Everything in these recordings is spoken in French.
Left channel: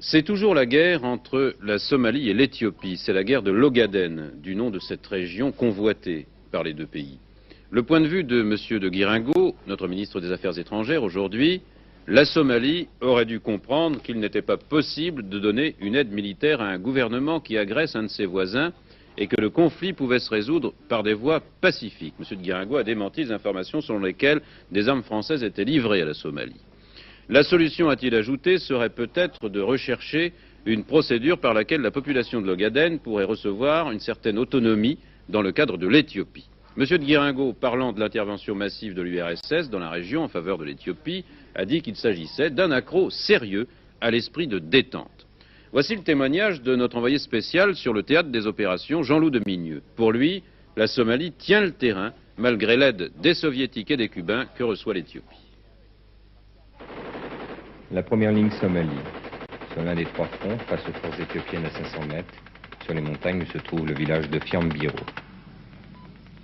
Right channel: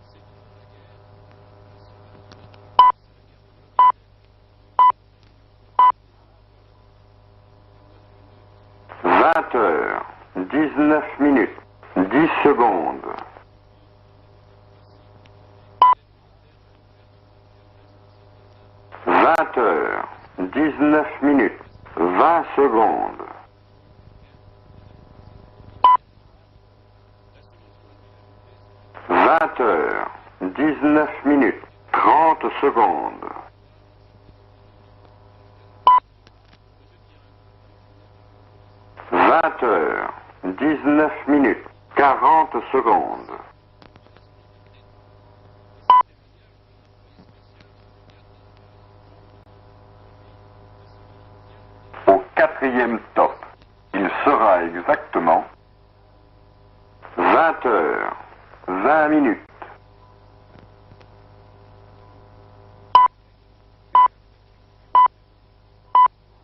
C'est toujours la guerre entre la Somalie et l'Éthiopie. C'est la guerre de l'Ogaden, du nom de cette région convoitée par les deux pays. Le point de vue de M. de Guiringo, notre ministre des Affaires étrangères, aujourd'hui, la Somalie aurait dû comprendre qu'il n'était pas possible de donner une aide militaire à un gouvernement qui agresse un de ses voisins et que le conflit pouvait se résoudre par des voies pacifiques. M. de Guiringo a démenti les informations selon lesquelles des armes françaises étaient livrées à la Somalie. La solution, a-t-il ajouté, serait peut-être de rechercher une procédure par laquelle la population d'Ogaden pourrait recevoir une certaine autonomie dans le cadre de l'Éthiopie. M. de Guiringo, parlant de l'intervention massive de l'URSS dans la région en faveur de l'Éthiopie, a dit qu'il s'agissait d'un accroc sérieux à l'esprit de détente. Voici le témoignage de notre envoyé spécial sur le théâtre des opérations, Jean-Loup de Migneux. Pour lui, la Somalie tient le terrain, malgré l'aide des Soviétiques et des Cubains que reçoit l'Éthiopie. 20 heures. La première ligne sommaire. 20 minutes. Sur l'un des trois fronts, face aux forces éthiopiennes à 500 mètres, sur les montagnes où se trouve le village de Fiambiro.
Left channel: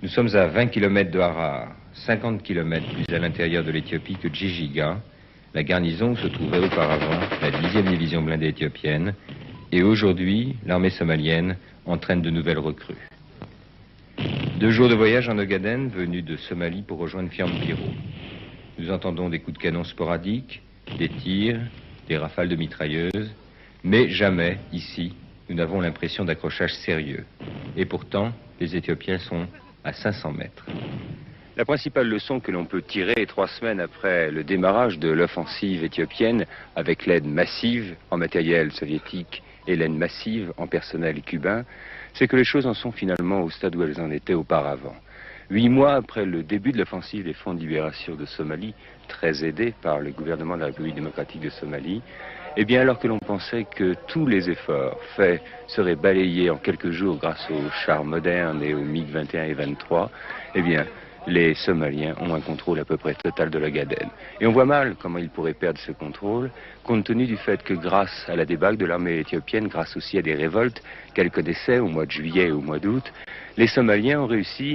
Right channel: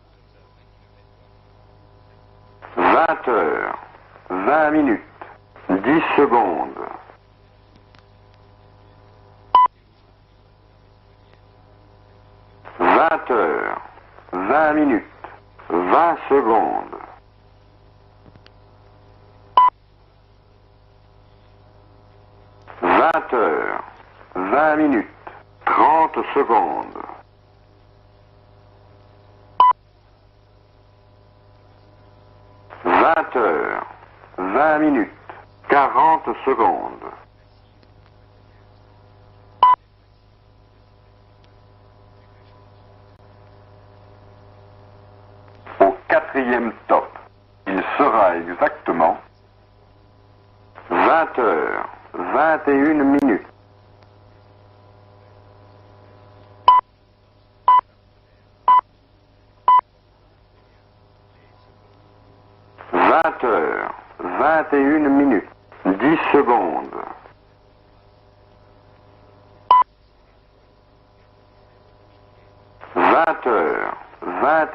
Nous sommes à 20 km de Harar, 50 km à l'intérieur de l'Éthiopie que Djigiga. La garnison se trouvait auparavant la 10e division blindée éthiopienne, et aujourd'hui, l'armée somalienne entraîne de nouvelles recrues. 20 heures. 2 jours de voyage en Ogaden, venus de Somalie pour rejoindre Fiambiro. Nous entendons des coups de canon sporadiques, des tirs, des rafales de mitrailleuses, mais jamais, ici, nous n'avons l'impression d'accrochage sérieux. Et pourtant, les Éthiopiens sont à 500 mètres. La principale leçon que l'on peut tirer 3 semaines après le démarrage de l'offensive éthiopienne, avec l'aide massive en matériel soviétique et l'aide massive en personnel cubain, c'est que les choses en sont finalement au stade où elles en étaient auparavant. 8 mois après le début de l'offensive des Fonds de libération en Somalie, très aidé par le gouvernement de la République démocratique de Somalie, et bien alors que l'on pensait que tous les efforts faits seraient balayés en quelques jours grâce aux chars modernes et aux MiG-21 et 23, eh bien, les Somaliens ont un contrôle à peu près total de l'Ogaden. Et on voit mal comment ils pourraient perdre ce contrôle, compte tenu du fait que grâce à la débâcle de l'armée éthiopienne, grâce aussi à des révoltes qu'elle connaissait au mois de juillet et au mois d'août, les Somaliens ont réussi à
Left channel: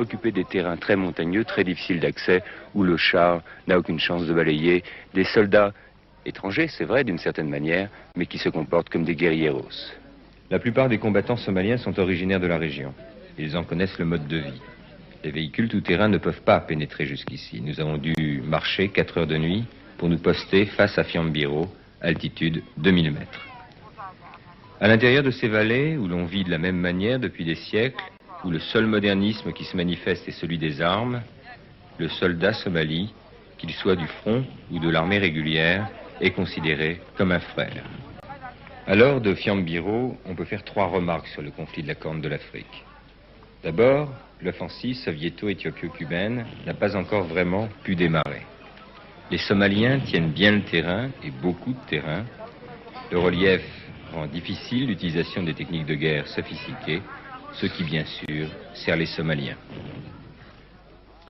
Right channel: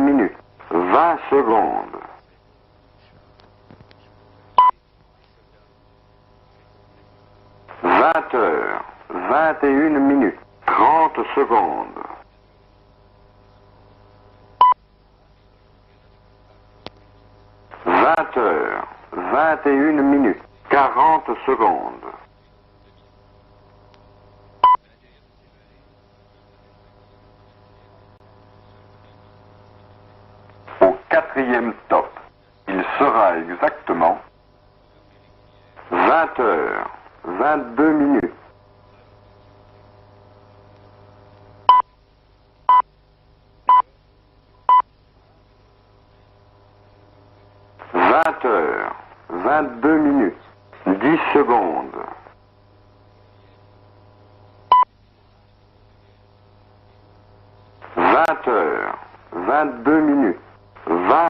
occuper des terrains très montagneux, très difficiles d'accès, où le char n'a aucune chance de balayer des soldats étrangers, c'est vrai, d'une certaine manière, mais qui se comportent comme des guerriers. La plupart des combattants somaliens sont originaires de la région. Ils en connaissent le mode de vie. Les véhicules tout-terrain ne peuvent pas pénétrer jusqu'ici. Nous avons dû marcher 4h30 pour nous poster face à Fiambiro, altitude 2000 mètres. À l'intérieur de ces vallées, où l'on vit de la même manière depuis des siècles, où le seul modernisme qui se manifeste est celui des armes, le soldat somali, qu'il soit du front ou de l'armée régulière, est considéré comme un frère. Alors, de Fiambiro, on peut faire 3 remarques sur le conflit de la Corne de l'Afrique. D'abord, l'offensive soviéto-éthiopio-cubaine n'a pas encore vraiment pu démarrer. Les Somaliens tiennent bien le terrain, beaucoup de terrain. Le relief rend difficile l'utilisation des techniques de guerre sophistiquées, ce qui bien sûr sert les Somaliens.